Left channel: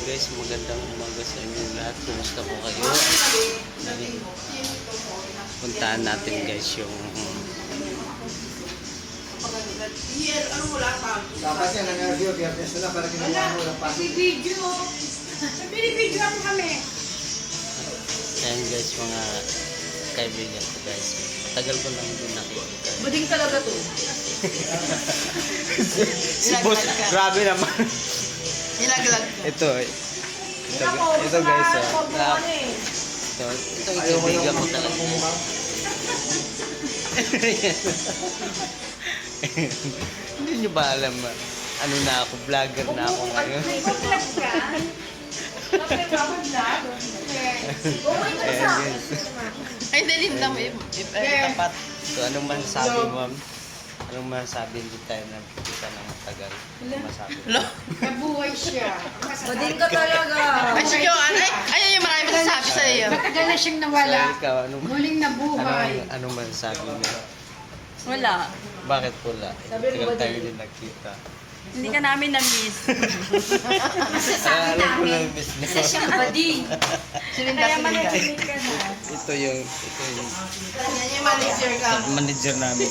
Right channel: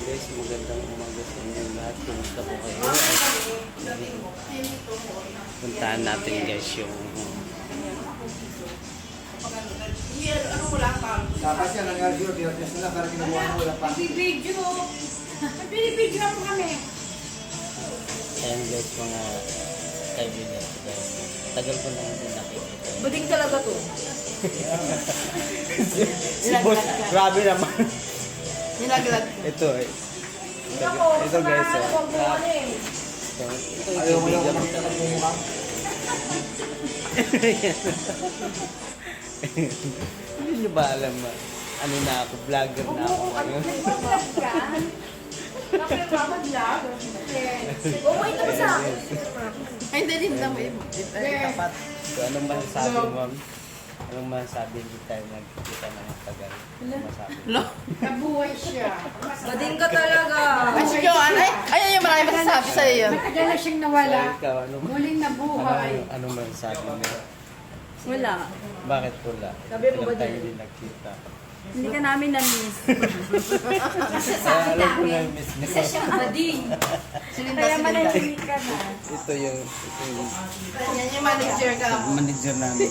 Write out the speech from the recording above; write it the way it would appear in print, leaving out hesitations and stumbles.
Guys, magandang umaga sa inyo lahat. Kumusta po kayo? Puntahan natin guys yung Dapat yan, nag-review, biyernes na lang para kinuha mo yung pang. Video. Video lang po kami. ayan guys, mga kaibigan ko guys. Tagal ko nang din nakikita. Bading talaga to. Si boss, grabe naman. Nilaglag ko. Ito guys, ito yung kaibigan ko talaga. Hindi nyo ba alam, ano na ako, vlogger na ako ngayon. Ay, hindi rin lang. Tapat. So, anong masasabi mo, ma'am? Anong masasabi, hindi tayo nagkikita ng matagal? Anong masasabi? Nabuhay siya. Bading ka talaga. Ay, siya, ayun yung marami masasabi sa iyo. Matagal na siyang nawala. So, ikaw, Muling nabuhay. anong masasabi mo? Wala. Bakit pula? Tagal tayo din nagkita. Hindi ka namin na-miss. Alam ko lang, miss niyo. Isa siyang bading. Kaya managing ka na. Ito yung Yan yung manager ka. manager namin.